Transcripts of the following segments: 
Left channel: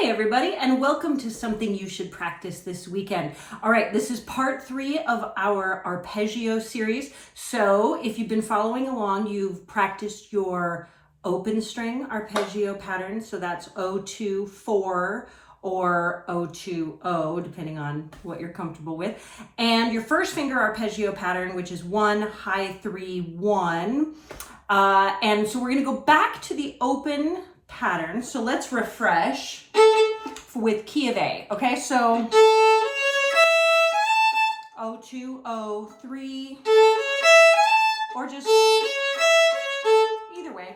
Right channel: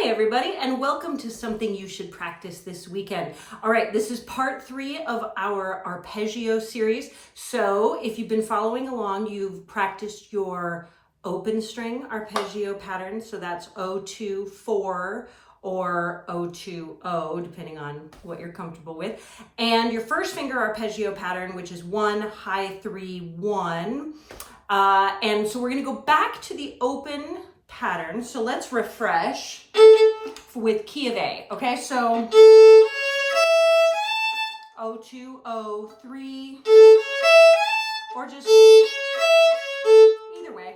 Hey everybody, and welcome to Something You Should Practice This Weekend. All right, this is part 3 of our arpeggio series. So if you've been following along, you've practiced your open string arpeggio pattern. So that's O2-4 or O2-O, depending on what you're comfortable with. And your first finger arpeggio pattern, which is 1, high 3, 1. And so we're gonna go back to the open pattern. So let's refresh with key of A. Okay, so O2, O3, or just either way.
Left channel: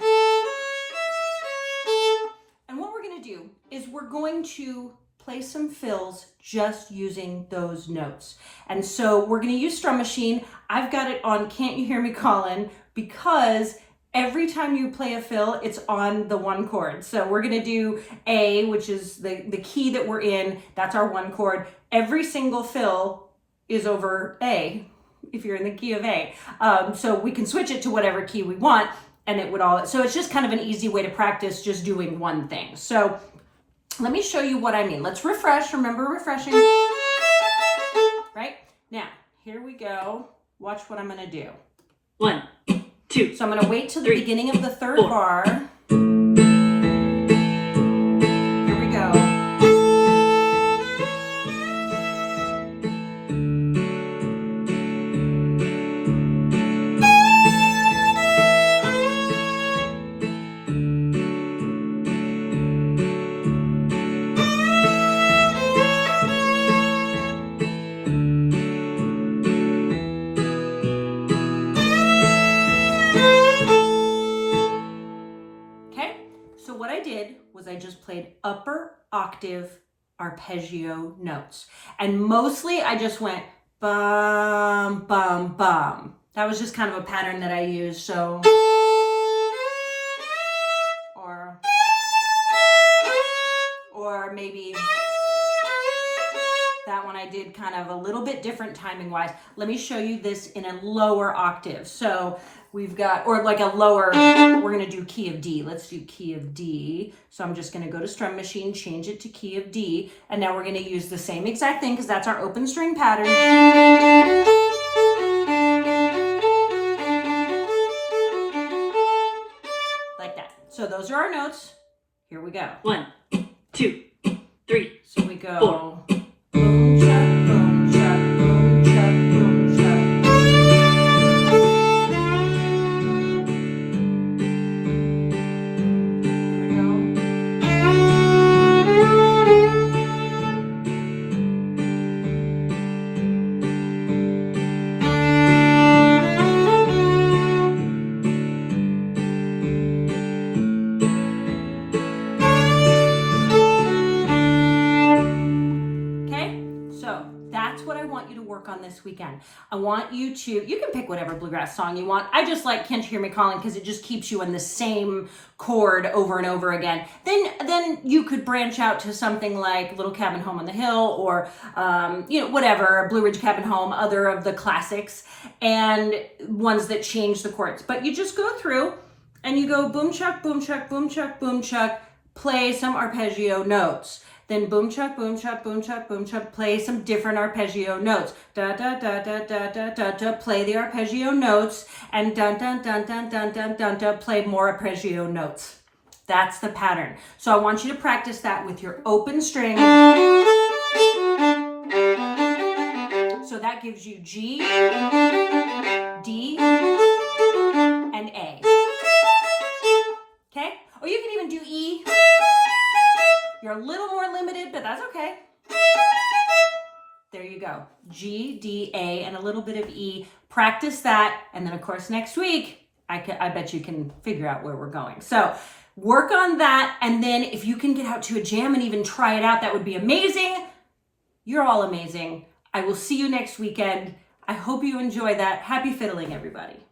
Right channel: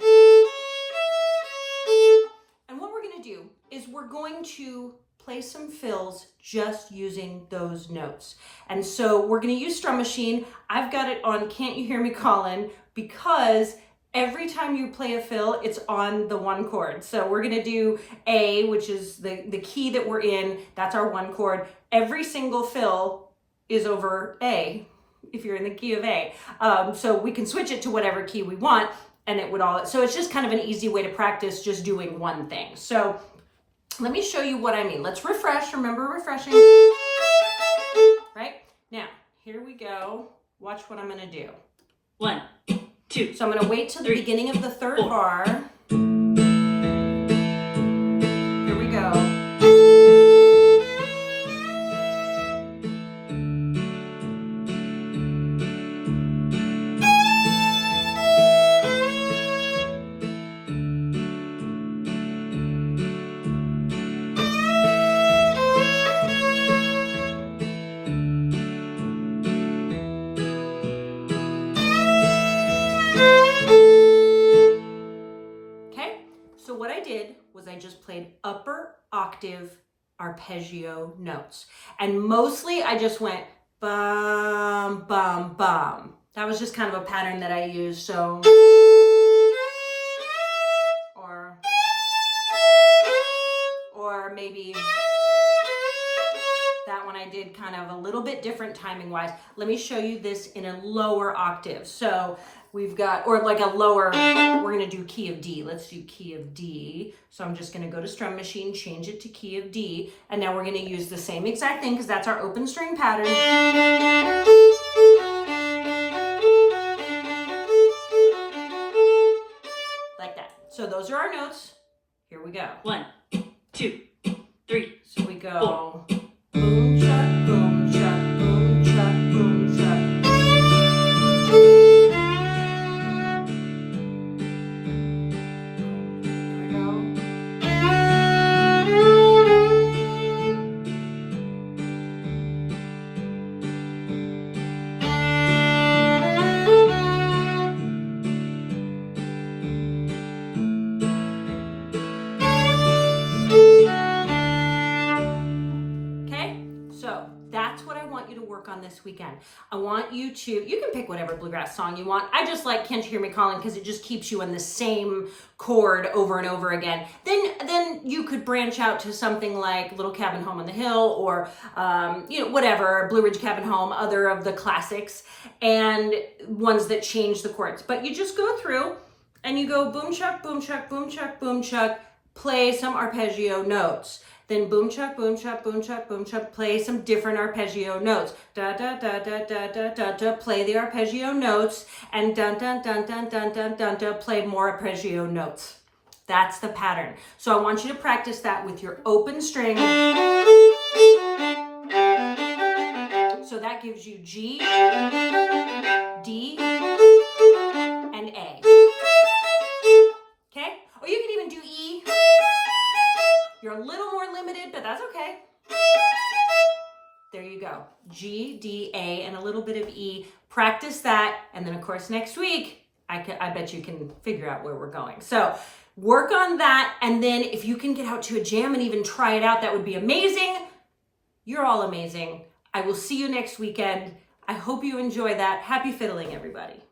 And what we're going to do is we're going to play some fills just using those notes. And so we're going to use Strum Machine. I've got it on Can't You Hear Me Callin', because every time you play a fill, it's on the 1 chord. So we're gonna do A, which is the key that we're in. That's our 1 chord. Every single fill is over A, if you're in the key of A. So we can switch it to whatever key we want, and it would all, so it's just kind of an easy way to practice just doing one thing. So let me show you what I mean. Let's refresh, remember refreshing. Right? Now, here we go. Watch what I'm gonna do. 1, 2. So I'm going to wait till the beginning of the 3rd bar. Here we go. So what I did was I just played upper octave arpeggio notes. And mostly I just went bum, bum, bum. That was just kind of a pattern that I used. So, or maybe that one I did kind of a little bit different timing wise. Let me show you this in a lower octave. So we've got, or like a lower, we're gonna do key of D. Let's do key of D. So I'm just gonna go to Strum Machine, change it to key of D. And now we're gonna use the same exact thing because that's our open string pattern. Like that. So those are our notes. Here we go. 1, 2, 3. So we go boom, chuck, boom, chuck, boom, chuck, boom, chuck. That's what I want you to work on this weekend. I want you to, you can pick whatever bluegrass song you want. I just like Can't You Hear Me Calling because it just keeps you on the same chord over and over again. Then you could branch out to something like Little Cabin Home on the Hill or, whatever, Blue Ridge Cabin Home, other of the classics and ones that change the chords. But you just go through and you go boom, chuck, boom, chuck, boom, chuck, boom, chuck, play some arpeggio notes. Then boom, chuck, boom, chuck, boom, chuck, boom, chuck, play some different arpeggio notes. Da, da, da, da, da, da, da, da, play the arpeggio notes, and dun, dun, dun, dun, dun, dun, dun, dun, play more arpeggio notes. That's the pattern. So I want you to practice that with your open string. So that gives you G, D, and A. Okay? Or you can even do E. You're a little more limited, but that's okay. There you go. G, D, A, and a little bit of E. Practice that. And then, of course, next week, I bet you can figure out where we're going. So work on that. And then if you can get out to a jam and even try it out, that would be amazing. You're all amazing. I will see you next weekend. I hope you enjoy that. Happy fiddling, everybody.